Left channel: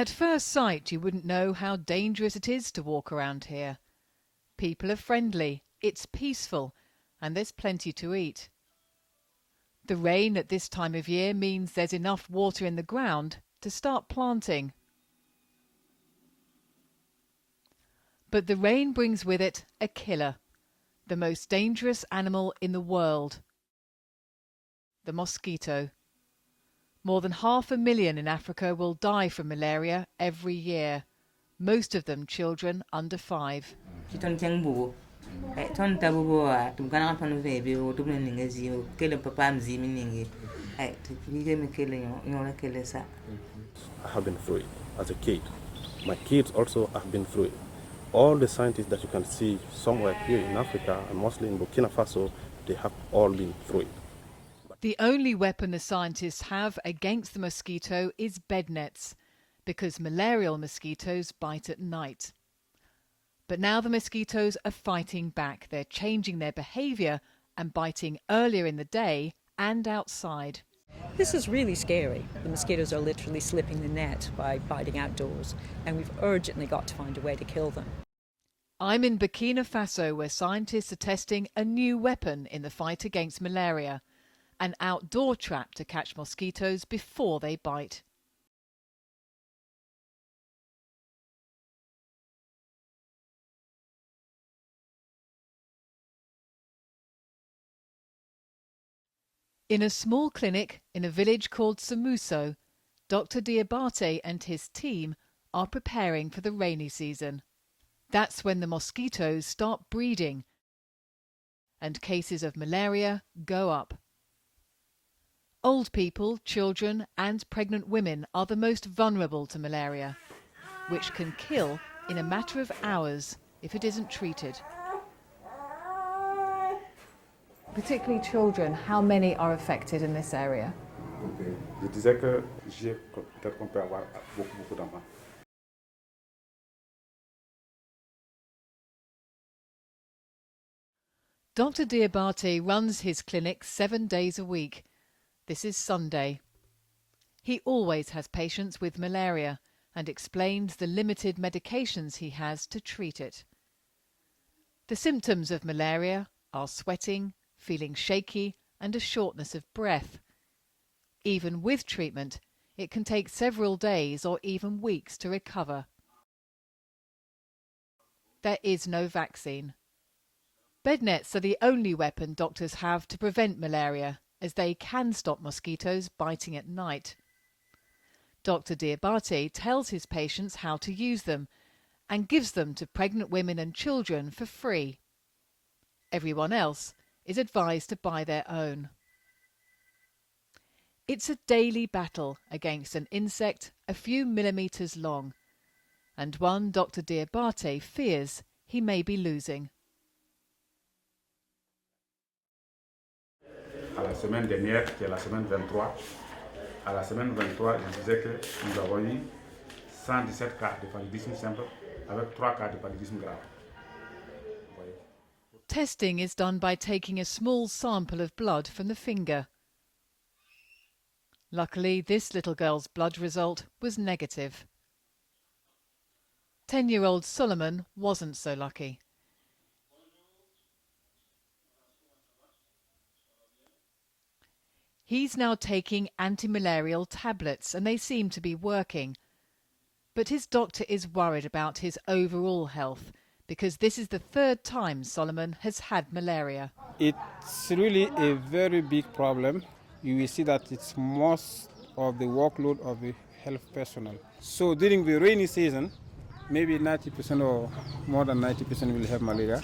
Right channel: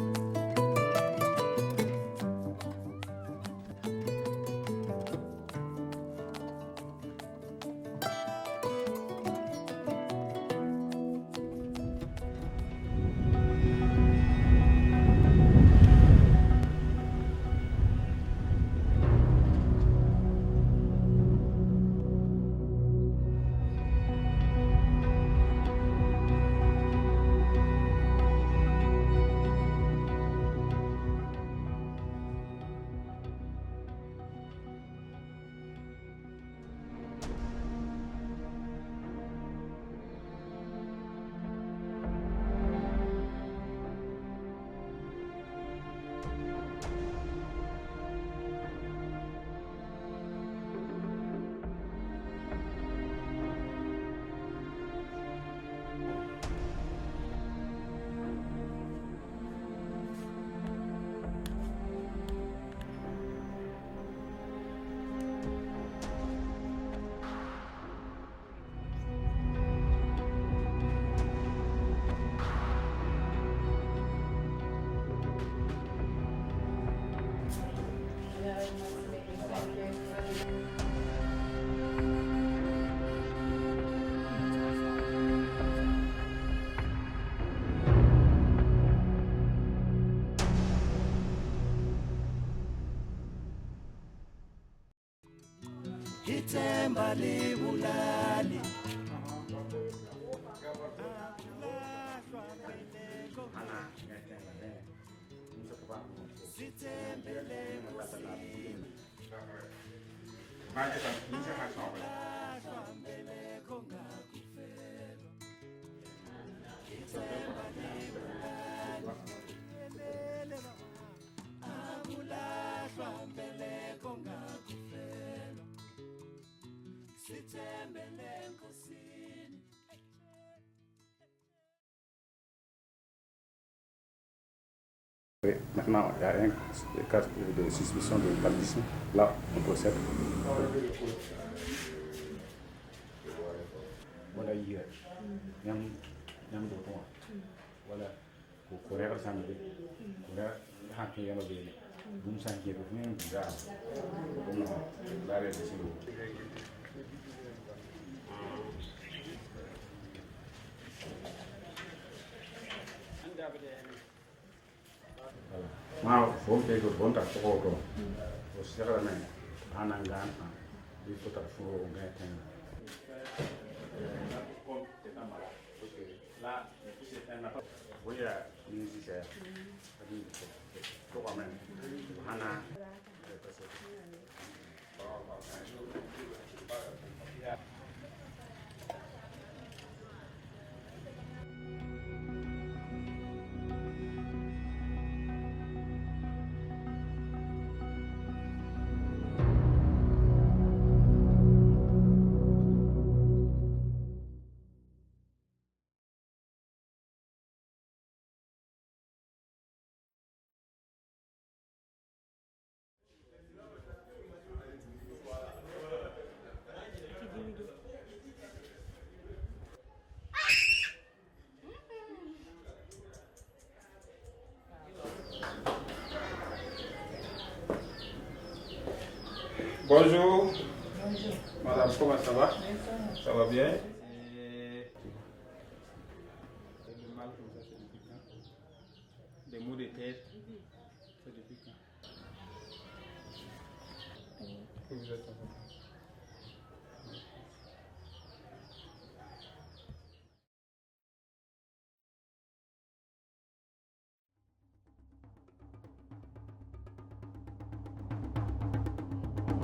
At first sight, you wouldn't know how dangerous it is to walk around here. People are friendly, it's peaceful, and there's plenty to eat. The rain at this time of year means there's enough water in the ground to start planting. But the rain brings with it a killer, the most dangerous animal in the world, the mosquito. More than 500,000 in Africa will die from malaria every year, most of them children under 5. I have been through it as a kid. My kids also have been through it. All the scientists that you can see somewhere here in Africa and mostly in Burkina Faso, they have all been through it. The only weapon the scientists have against the mosquito is bed nets, because malarial mosquitoes bite at night. But now the mosquitoes are fighting back. They're changing their behaviour and biting earlier in the day and outside. This is really scary. The mosquitoes are literally slipping the net by biting outdoors, and we've urgently got to find a way to kill them. I'm in Burkina Faso, where scientists are testing a new weapon in the fight against malaria, an outdoor trap to catch mosquitoes before they bite. In a small clinic in a village called Samuso, Dr. Diabate and his team are preparing for the rainy season. That's when the mosquitoes start breeding and cases of malaria go up. Old people, children and pregnant women are the most vulnerable to malaria, which can kill in a matter of hours if it isn't treated. Particularly children, how many are affected in this area? Je disais que peut-être qu'on peut avoir beaucoup d'enfants. Maintenant, il y a un cas de suspicion de paludisme. Là, on procède. Dr. Diabate runs his clinic 7 days a week. This is Sunday. He always has patients with malaria and explains the limited medications he has to treat it. The symptoms of malaria are sweating, feeling shaky and a shortness of breath. Even with treatment, it can take several days or even weeks to recover. There is no vaccine. Bed nets are the only weapon doctors have to prevent malaria, as they can stop mosquitoes biting at night. Dr. Diabate tells his patients how to use them and gives them to pregnant women and children for free. Everyone else is advised to buy their own. It's a daily battle against an insect a few millimetres long, and one Dr. Diabate fears he may be losing. À la semaine dernière, qui est la semaine 23, à la semaine 23, je disais que nous avons eu 117 cas de paludisme simple avec 3 cas de paludisme grave. Testing is done by taking a small sample of blood from the finger. Luckily, this little girl's blood result was negative. 10-year-old Solomon wasn't so lucky. Bonjour. Madame, comment ça va? Ça va bien? He's now taking anti-malarial tablets and they seem to be working. But his doctor is worried about his overall health because this is the 3rd time Solomon has had malaria. It's really a very big problem. You will see that it's most of the workload of the health personnel. So during the rainy season, maybe 90% or more than 90% will have malaria.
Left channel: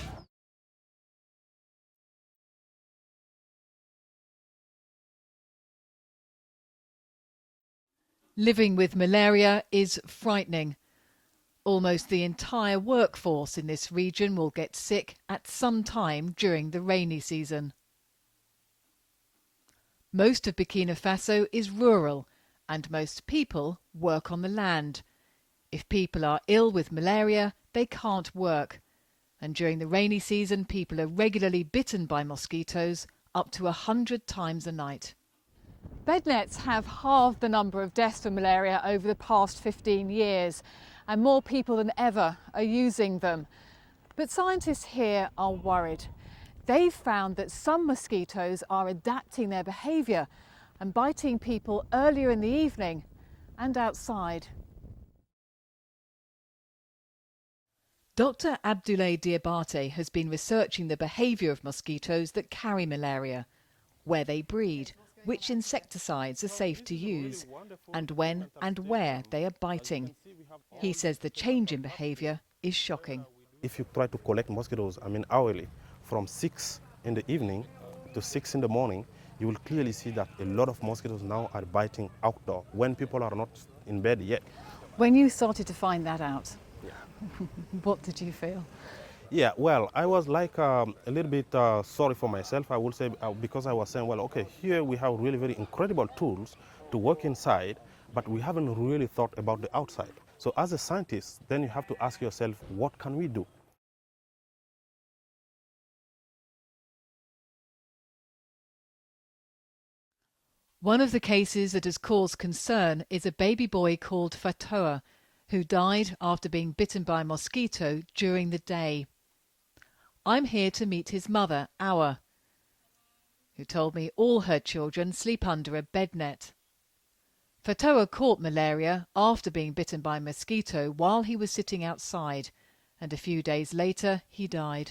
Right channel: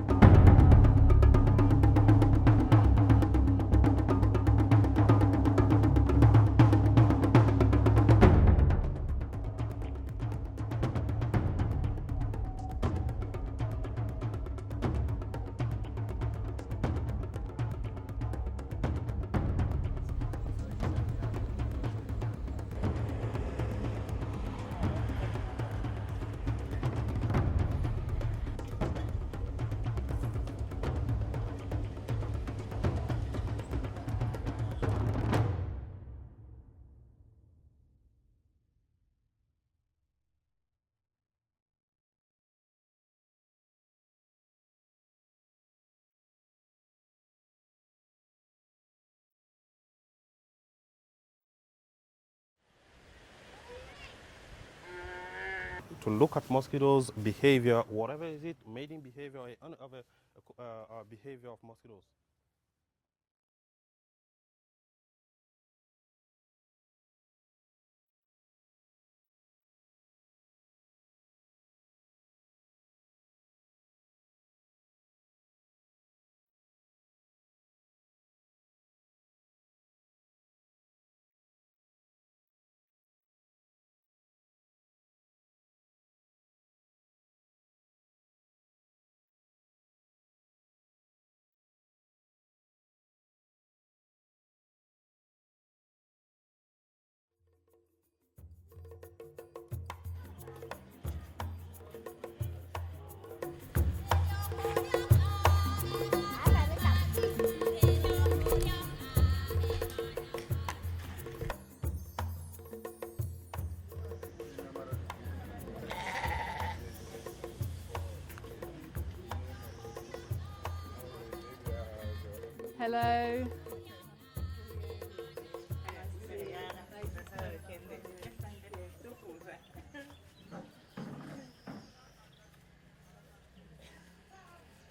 Living with malaria is frightening. Almost the entire workforce in this region will get sick at some time during the rainy season. Most of Burkina Faso is rural and most people work on the land. If people are ill with malaria, they can't work. And during the rainy season, people are regularly bitten by mosquitoes up to 100 times a night. Bed nets have halved the number of deaths from malaria over the past 15 years, and more people than ever are using them. But scientists here are worried. They've found that some mosquitoes are adapting their behaviour and biting people earlier in the evening and outside. To look at mosquitoes' behavior, whatever. Dr. Abdoulaye Diabate has been researching the behaviour of mosquitoes that carry malaria, where they breed, which insecticides are safe to use, and when and where they are biting. He says the change in behaviour is shocking. If you try to collect mosquitoes, hourly, from 6 in the evening to 6 in the morning, you will clearly see that a lot of mosquitoes now are biting outdoor when people are not in bed yet. When you started to find that out, Yeah. what did you feel? Yeah, well, I was like a little bit sorry for myself, I would say, because I was saying, well, okay, here we have really very incredible tools to work inside, but we haven't really thought about the outside. So as a scientist, then you have to ask yourself, what can we do? One of the cases that has caused concern is a baby boy called Fatoa, who died after being bitten by a mosquito during the day. I'm here to meet his mother, Awa. Hello. Who told me all her children sleep under a bed net. Fatoa caught malaria after being bitten by a mosquito while he was sitting outside, and a few days later he died.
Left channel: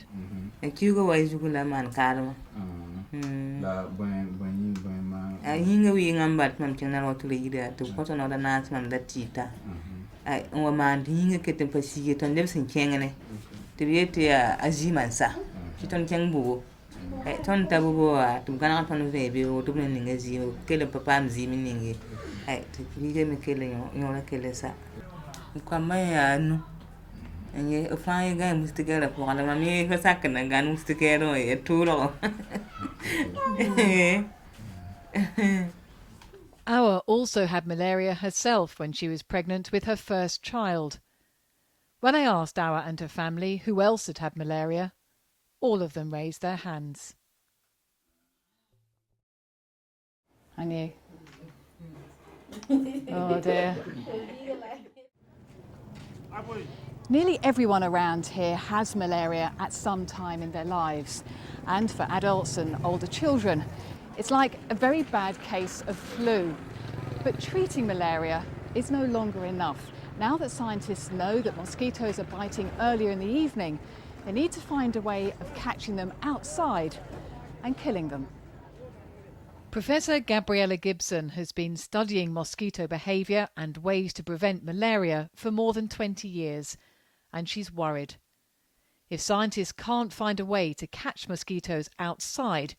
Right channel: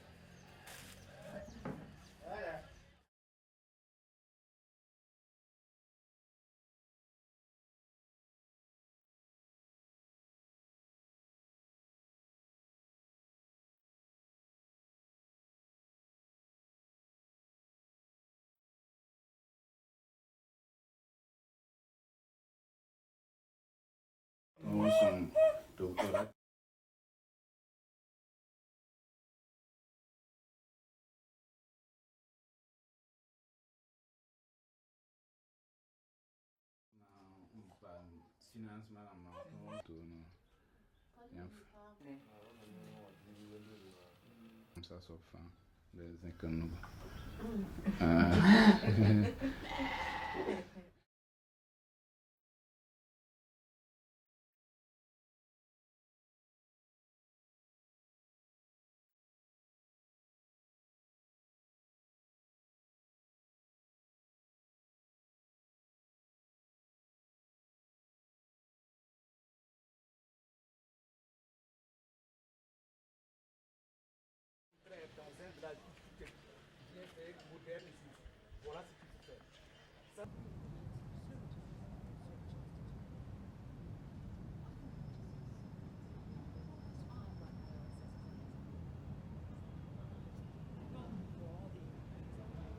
Hinga wi ngambat mam chana rotu le ida to koto no da nas mam da tita ai o man hinga kete pasi ton dem sin kengene to yete aziman sa kiton kengbu ai ton tabugo to kana ton vebe o to ne ngazi o kele papa mzi miningi ai to kige me kele yo la kele sa kwa maya no anye o fa ga mustigala po ala mami fa sakana ga mustigero e turo. Awa also had malaria herself when she was pregnant with her first child. When I asked Awa and her family who else had had malaria, all of them raised their hands. And you? Oh dear. Nearly everyone around here has malaria at some time in their lives. And for adults and older children, it's like a very bad case of flu. But treating malaria is no longer enough. Now that scientists know that mosquitoes are biting earlier in the evening, they need to find a way of catching them outside and killing them. Professor Gabriella Gibson has been studying mosquito behaviour and ways to prevent malaria for more than 20 years, and she's worried. If scientists can't find a way to catch mosquitoes outside,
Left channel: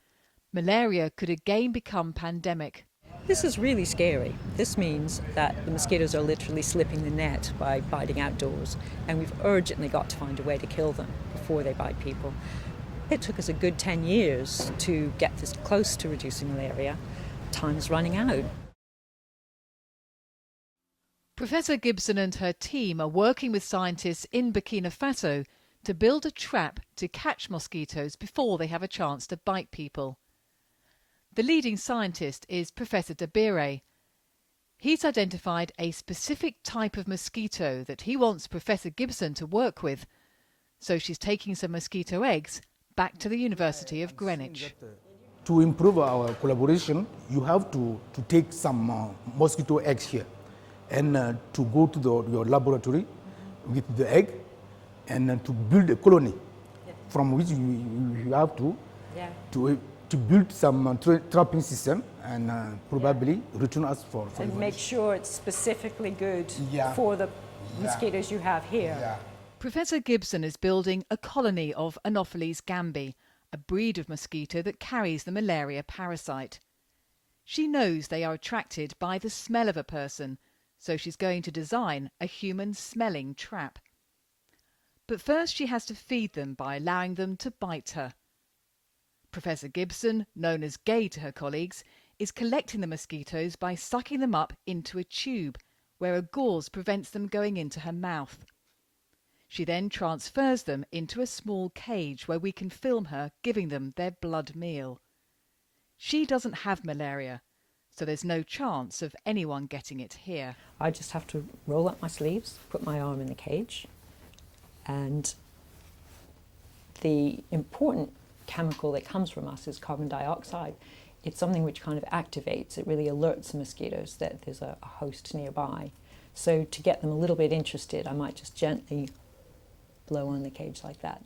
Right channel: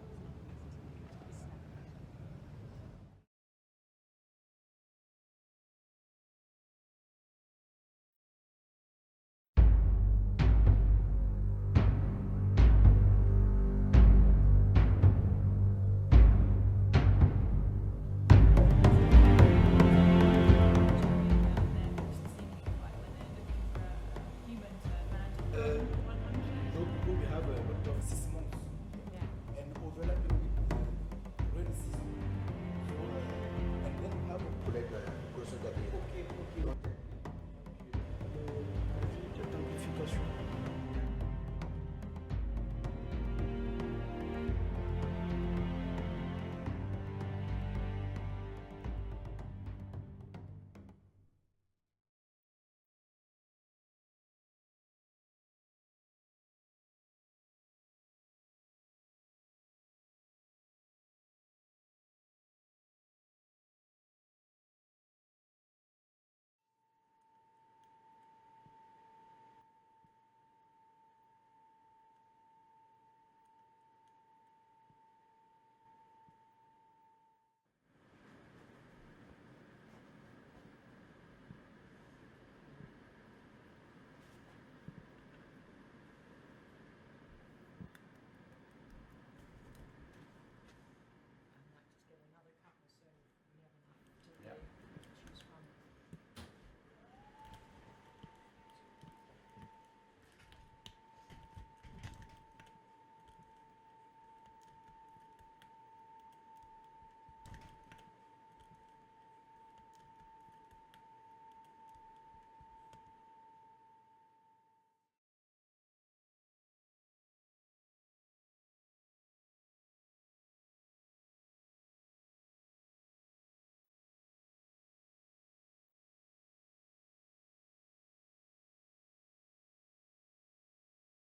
malaria could again become pandemic. This is really scary. This means that the mosquitoes are literally slipping the net by biting outdoors, and we've urgently got to find a way to kill them before they bite people. It took us a good 10 years to get this close to reducing malaria. Time's running out. Professor Gibson and her team are working with scientists in Burkina Faso to build a trap to catch mosquitoes before they have a chance to bite people. The leading scientist is Professor Dabire. He's identified a specific type of mosquito that he wants Professor Gibson to work with. So she's taking some mosquito eggs back to the University of Greenwich. To improve our collaboration, you have to take some mosquito eggs here and to go to your laboratory with the egg and to build a colony from which you have to build some trapping system and probably return us for and make sure it's specifically good for the mosquitoes you have here. Yeah. Professor Gibson is building a colony of Anopheles gambi, a breed of mosquito that carries the malaria parasite. She knows they are attracted by the smell of a person, so she's going to design a human smelling trap. But first she has to feed them by allowing them to bite her. Professor Gibson, known as Gay to her colleagues, is collecting the mosquitoes by sucking them up into a tube, where a gauze prevents them going into her mouth. She then transfers them into a small cage where we can film her giving them their blood meal. She doesn't have malaria, so there's no chance of anyone getting it here. I just have to roll up my sleeves, put my arm in the cage, and the important chemical that comes from us is carbon dioxide. It's something which kind of activates, it really alerts the mosquitoes that there's a host nearby. So to get them a little bit interested, I might just gently blow on the cage like that.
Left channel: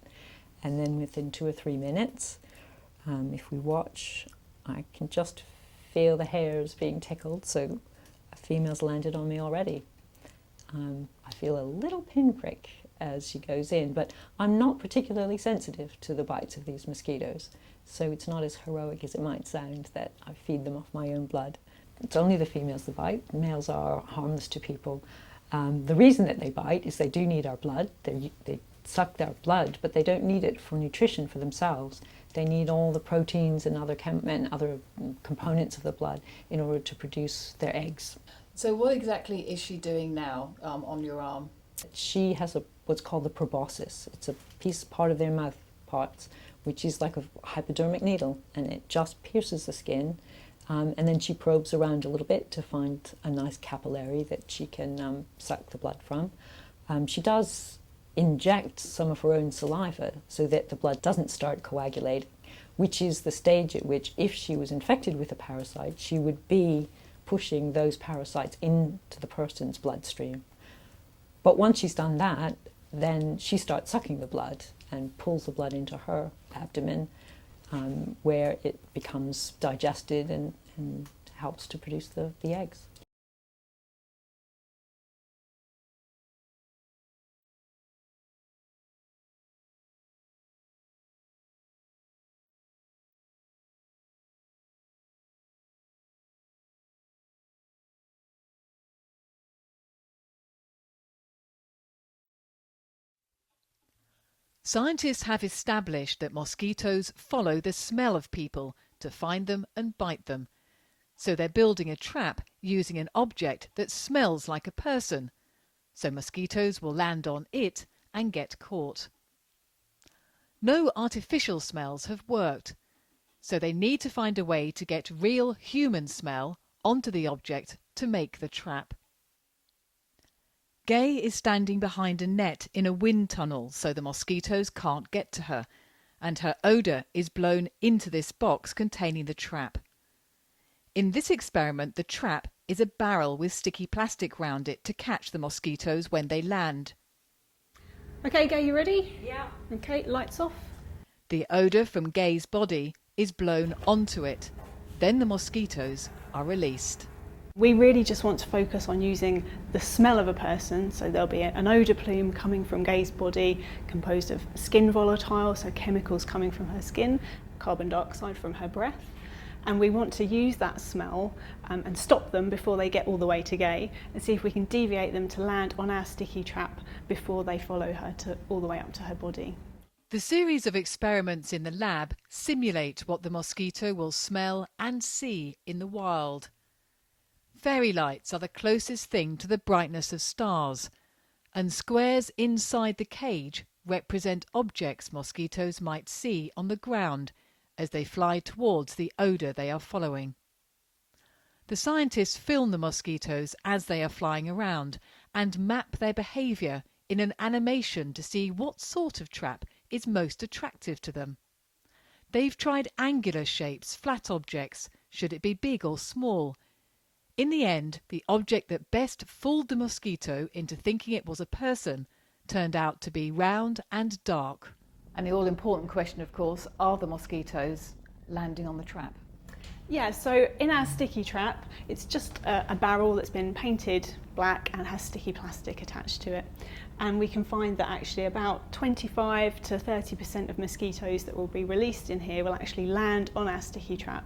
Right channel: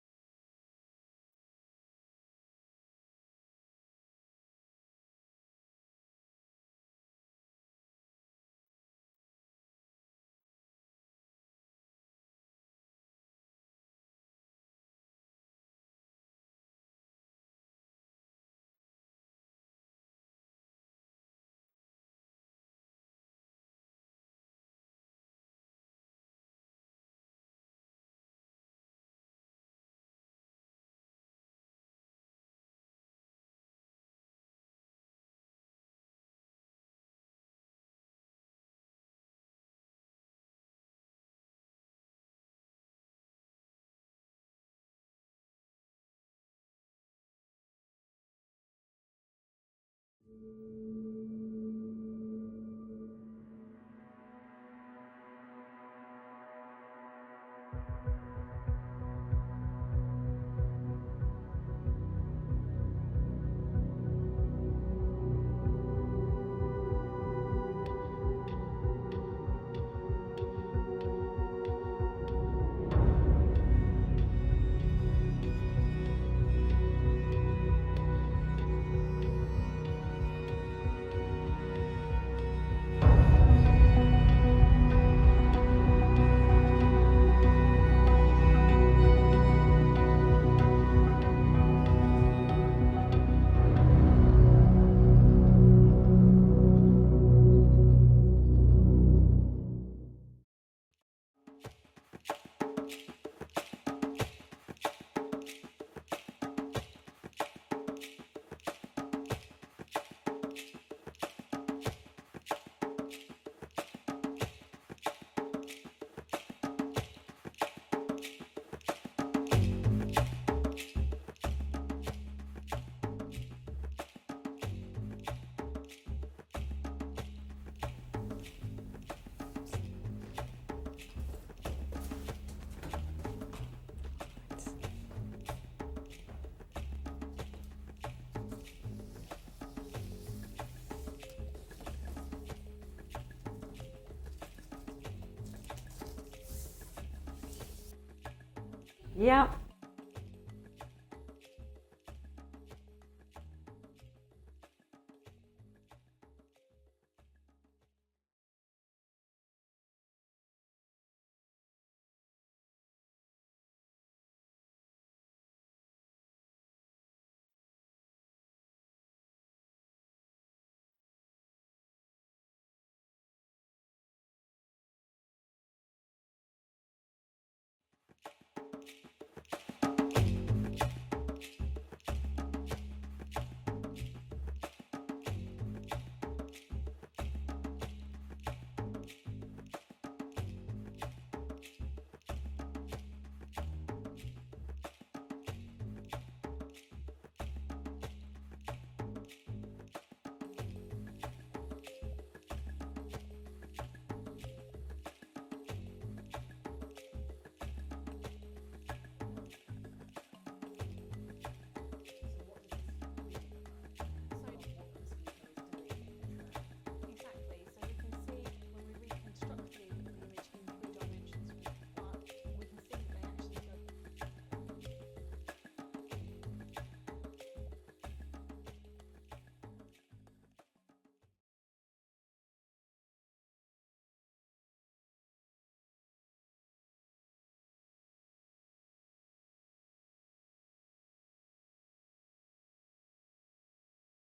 And then within 2 or 3 minutes, if we watch, I can just feel the hairs being tickled, so a female's landed on me already. I feel a little pinprick as she goes in, but I'm not particularly sensitive to the bites of these mosquitoes, so it's not as heroic as it might sound that I feed them off my own blood. It's only the females that bite. Males are harmless to people. The reason that they bite is they do need our blood. They suck their blood, but they don't need it for nutrition for themselves. They need all the proteins and other components of the blood in order to produce their eggs. So what exactly is she doing now on your arm? She has what's called the proboscis. It's a part of their mouth parts, which is like a hypodermic needle, and it just pierces the skin. And then she probes around a little bit to find a nice capillary that she can suck the blood from. She does inject some of her own saliva so that the blood doesn't start coagulating, which is the stage at which, if she was infected with a parasite, she would be pushing those parasites into the person's bloodstream. But once she's done that, then she starts sucking the blood and pulls the blood into her abdomen, where it becomes digested and helps to produce the eggs. Scientists have established that mosquitoes follow the smell of people to find them and bite them. So they're building a trap using an object that smells like a person. So mosquitoes will land on it and get caught. No artificial smells have worked. So they need to find a way to get real human smell onto the object to make the trap. Gay is standing behind a net in a wind tunnel so the mosquitoes can't get to her, and her odour is blown into this box containing the trap. In this experiment, the trap is a barrel with sticky plastic round it to catch the mosquitoes when they land. Okay, Gay, you ready? Yeah. Okay, lights off. The odour from Gay's body is blown onto it. Then the mosquitoes are released. We really just want to focus on using the smell of a person, so there'll be an odour plume coming from Gay's body composed of skin volatile, so chemicals coming from her skin, carbon dioxide from her breath, and we want to use that smell and stop them before they get all the way to Gay, and see if we can deviate them to land on our sticky trap before they follow her all the way up to her body. The series of experiments in the lab simulate what the mosquito will smell and see in the wild. Fairy lights are the closest thing to the brightness of stars, and squares inside the cage represent objects mosquitoes might see on the ground as they fly towards the odour they are following. The scientists film the mosquitoes as they are flying around and map their behaviour in an animation to see what sort of trap is most attractive to them. They've tried angular shapes, flat objects, should it be big or small. In the end, the object that best fooled the mosquito into thinking it was a person turned out to be round and dark. And the all-important question, of course, are the mosquitoes landing on the trap? Yeah, so in our sticky trap, it's just a barrel that's been painted black and has sticky plastic attached to it. And we can find that actually about 25 to 30% of mosquitoes that will be released in here will actually land on our sticky trap.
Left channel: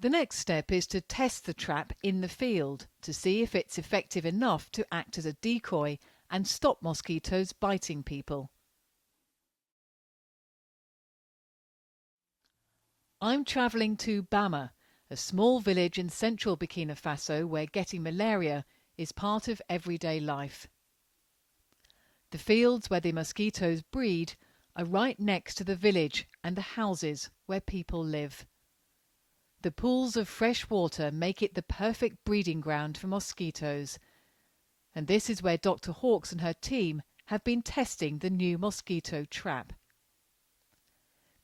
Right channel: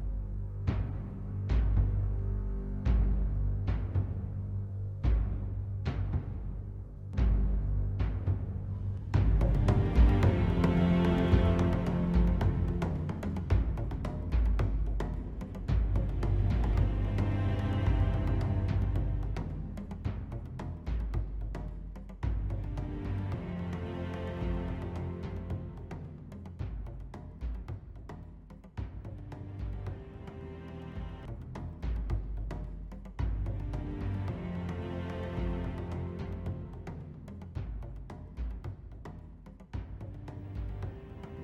The next step is to test the trap in the field to see if it's effective enough to act as a decoy and stop mosquitoes biting people. I'm travelling to Bama, a small village in central Burkina Faso where getting malaria is part of everyday life. The fields where the mosquitoes breed are right next to the village and the houses where people live. The pools of fresh water make it the perfect breeding ground for mosquitoes. And this is where Dr. Hawkes and her team have been testing the new mosquito trap.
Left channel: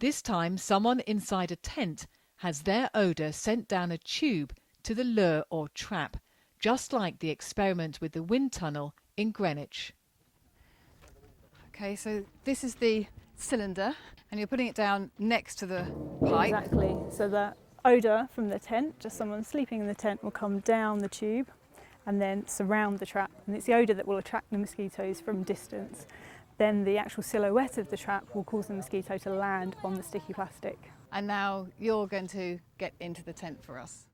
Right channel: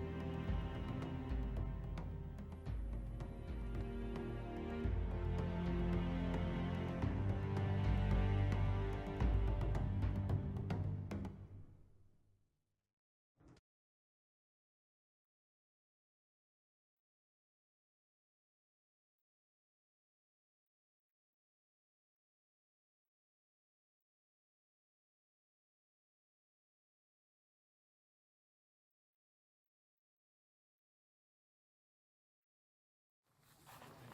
This time, someone inside a tent has their odour sent down a tube to the lure or trap, just like the experiment with the wind tunnel in Greenwich. Okay, so this is the cylinder, and you're putting it down next to the pipe. Exactly. So the odour from the tent, just someone sleeping in the tent, will come down the tube and then surround the trap. And it's the odour that will attract the mosquitoes from distance. Then the actual silhouette of the trap will cause the mosquito to land on the sticky plastic. And now you're going to get into the tent for us.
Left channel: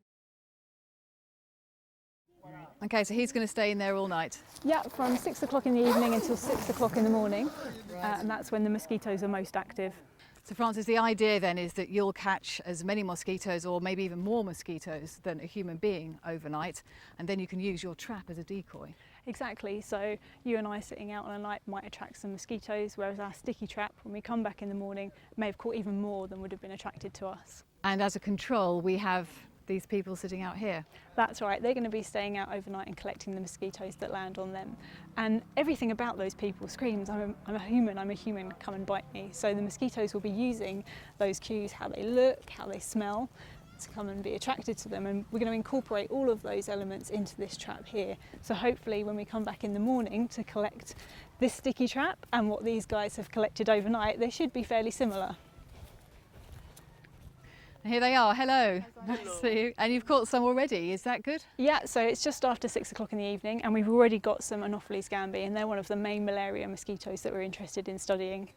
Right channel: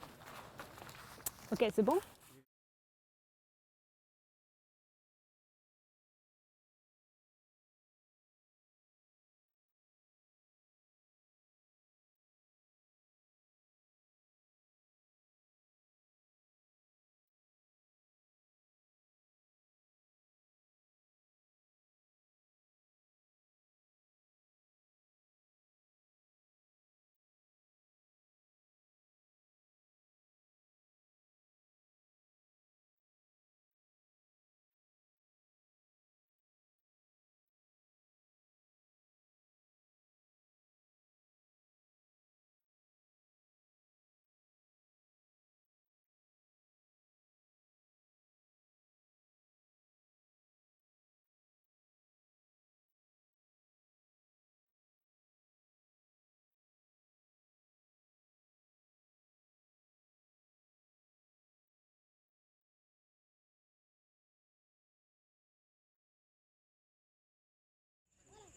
Okay, c'est bon? Okay, so he's going to stay in there all night. Yeah, from 6 o'clock in the evening until 6 o'clock in the morning. And that's when the mosquitoes are most active. So Francis, the idea then is that you'll catch as many mosquitoes or maybe even more mosquitoes than a human being overnight, and then you can use your trap as a decoy. Exactly, so you and I sitting out on a night might attract some mosquitoes, whereas our sticky trap, when we come back in the morning, may have caught even more than would have been attracted to us. And as a control, we have these people sitting out here. That's right, they're going to be staying out overnight and collecting the mosquitoes that land on them. And everything about those people screams, I'm a human, come and bite me. So the mosquitoes will be using those cues, how they look, how they smell, to come and be attracted to them. And we're going to incorporate all of those elements into this trap here. So hopefully when we come back in the morning to collect this sticky trap and what these guys have collected overnight, they should be fairly similar. Here they are, hello. Nice to see you. And you've caught some already, is that good? Yeah, so it's just after 6 o'clock in the evening and we've already got some Anopheles gambiae, and they're one of the main malaria mosquitoes that we're interested in studying.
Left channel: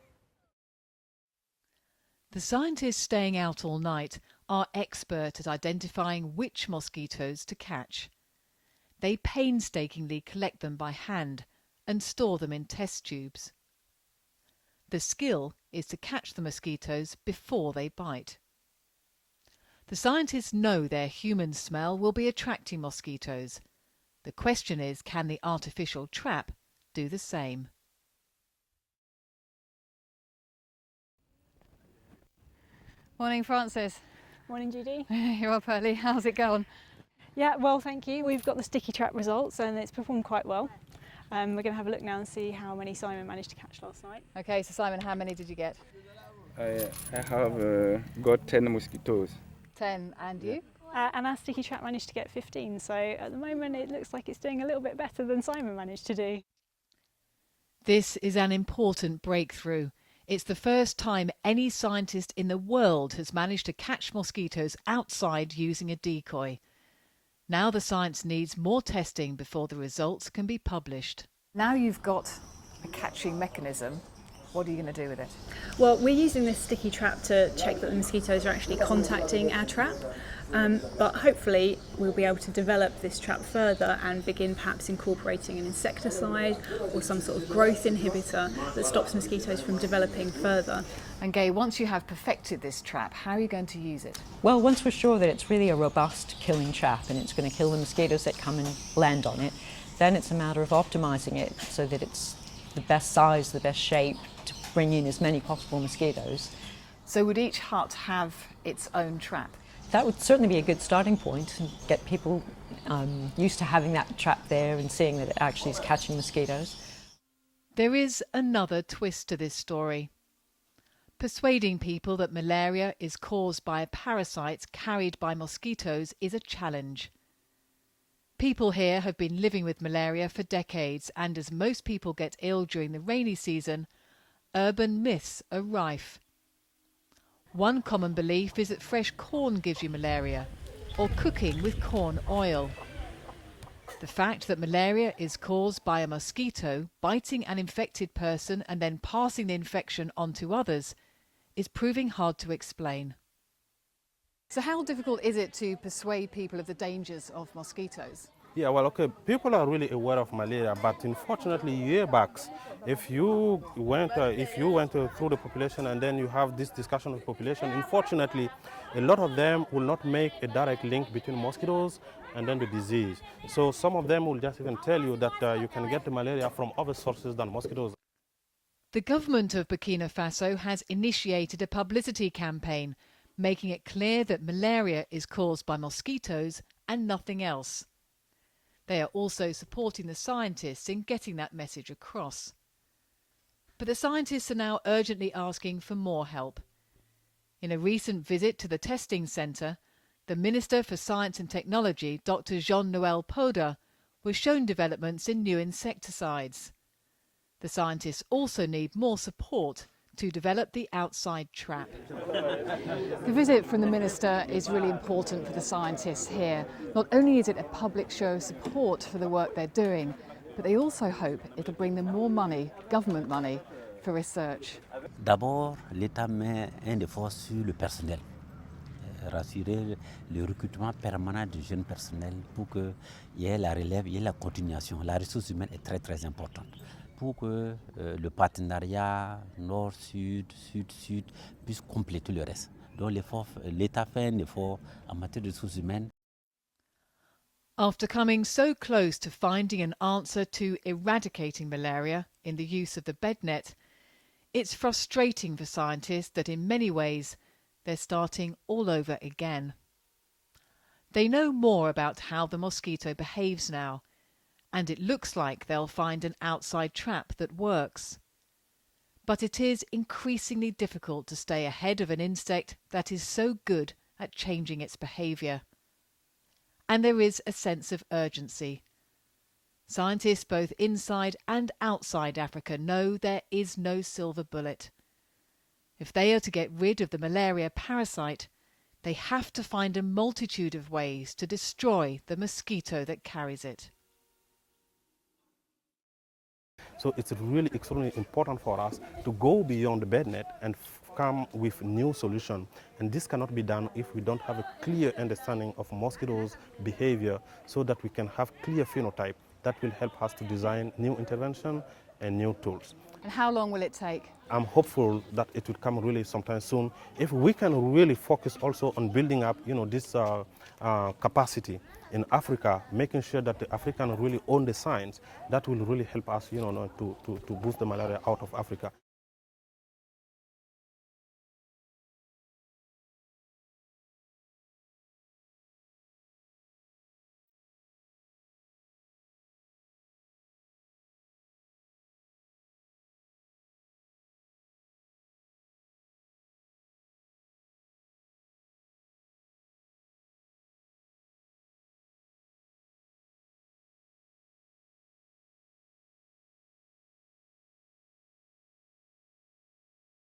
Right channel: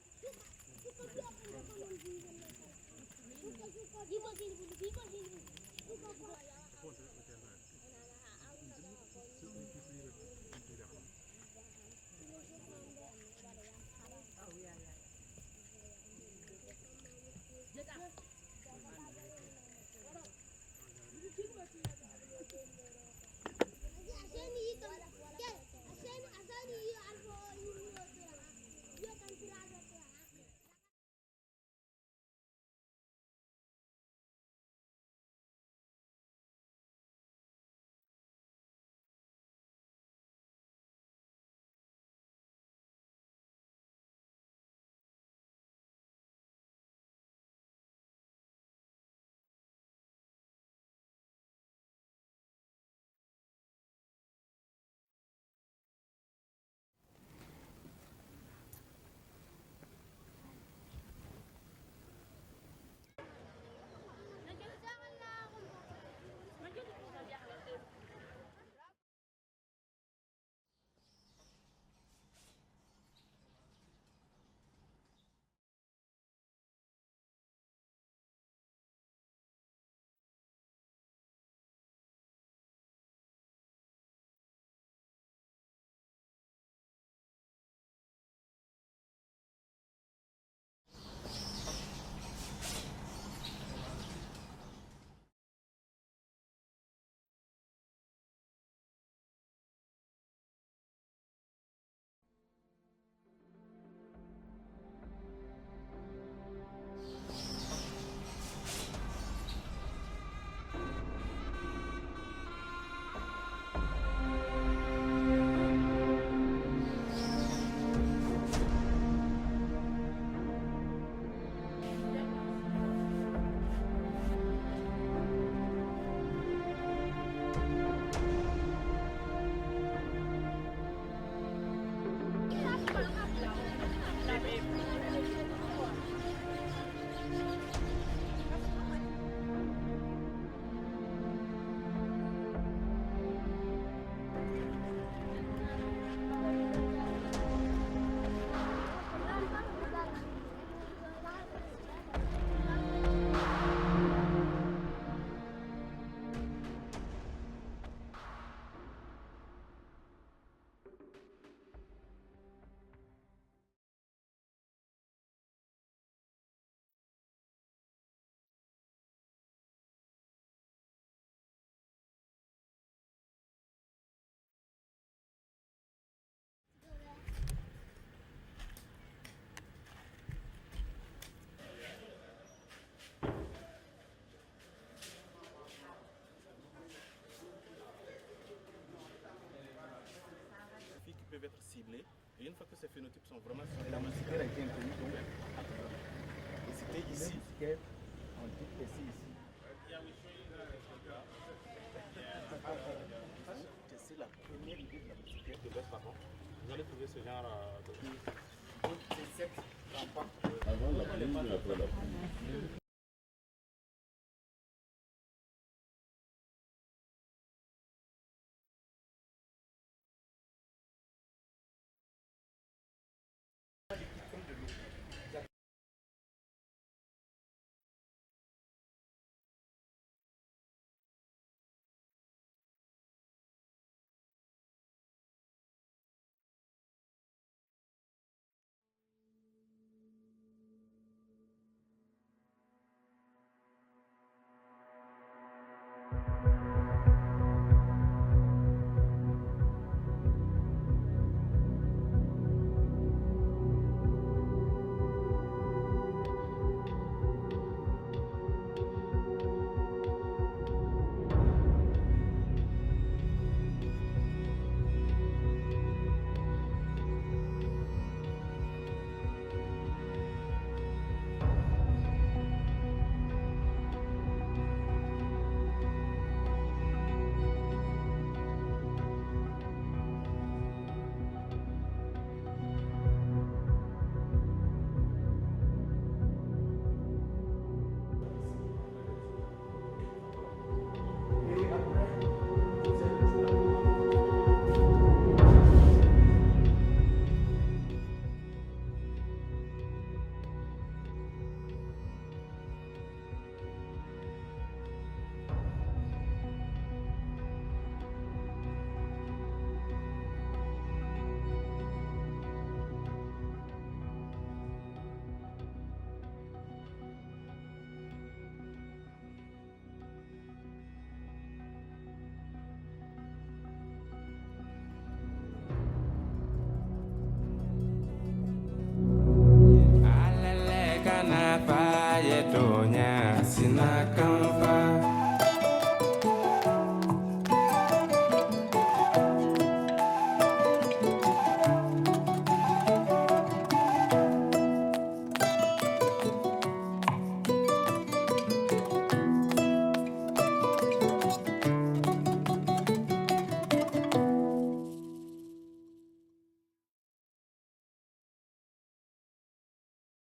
The scientists staying out all night are expert at identifying which mosquitoes to catch. They painstakingly collect them by hand and store them in test tubes. The skill is to catch the mosquitoes before they bite. The scientists know their human smell will be attracting mosquitoes. The question is, can the artificial trap do the same? Morning, Francis. Morning, Judy. You're up early, how's it going? Yeah, well, thank you. We've got the sticky trap results and it's performed quite well. We're going to have a look now and see how many Simon managed to catch last night. Okay, so Simon, how many did you get? I have got 10 mosquitoes. 10, and you? And our sticky trap managed to get 15, so at the moment it looks like it's doing a little bit better than Simon managed to do. This is an important breakthrough. It's the first time any scientist in the world has managed to catch mosquitoes outside using a decoy. Now the science needs more testing before the results can be published. Now you've got a catching mechanism, what are you going to do with it? Well, we're using this sticky trap to check that the mosquitoes are actually contacting our trap, but hopefully we'll be able to develop this trap further and begin perhaps incorporating an insecticide or some sort of growth inhibitor that stops mosquitoes from developing further. And Gay, once you have perfected this trap, how are you going to use it? Well, once we're sure that it's really a robust killing trap and it's going to kill the mosquitoes that come and land on it, then it's a matter of optimising it so that it's the best size, the best shape to bring in as many possible mosquitoes. So would each hut have its own trap? That would certainly be a good starting point and get people used to having that trap there and seeing that it actually is catching mosquitoes. There is another twist to this story. Persuading people that malaria is caused by parasites carried by mosquitoes is a challenge. People here have been living with malaria for decades, and as most people get ill during the rainy season, urban myths are rife. One common belief is that fresh corn gives you malaria, or cooking with corn oil. The fact that malaria is caused by a mosquito biting an infected person and then passing the infection on to others is proving hard to explain. So how difficult is it to persuade people of the dangers of mosquitoes? Yeah, well, okay, people are really aware of malaria, but unfortunately, year back, if you went through the population and then you have this discussion with population, unfortunately, a lot of them will not make a direct link between mosquitoes and then the disease. So some of them will just even tell you that you can get the malaria from other sources than mosquitoes. The government of Burkina Faso has initiated a publicity campaign, making it clear that malaria is caused by mosquitoes and nothing else. They are also supporting the scientists in getting that message across. But the scientists are now urgently asking for more help. In a recent visit to the testing centre, the Minister for Science and Technology, Dr. Jean-Noël Poda, was shown developments in new insecticides. The scientists also need more support to develop the outside trap. The visit from the Minister is really important for the scientists here. Not only is it a public show of support for the work they're doing, but they also hope it'll bring them more money, government money, for research. D'abord, l'État met un effort sur le personnel. Rassurer le recrutement permanent de jeunes personnels pour qu'il y ait la relève, il y ait la continuation. La ressource humaine est très très importante pour que le partenariat nord-sud, sud-sud puisse compléter le reste. Donc l'État fait un effort en matière de ressources humaines. After coming so close to finding an answer to eradicating malaria in the use of the bed net, it's frustrating for scientists that in many ways they're starting all over again. They know more about how the mosquito behaves now, and it looks like they'll find an outside trap that works. But it is increasingly difficult to stay ahead of an insect that is so good at changing its behaviour. And there is a sense of urgency. Scientists both inside and outside Africa know there is no silver bullet. If they are to get rid of the malaria parasite, they have to find a multitude of ways to destroy the mosquito that carries it. So it's really extremely important for us to go beyond the bed net and come with new solutions. And this cannot be done if we don't have a clear understanding of mosquitoes' behavior, so that we can have clear phenotype that will help us to design new intervention and new tools. And how long will it take? I'm hopeful that it will come really sometime soon. If we can really focus also on building up, this capacity in Africa, making sure that the Africans really own the science, that will really help us, to boost the malaria out of Africa.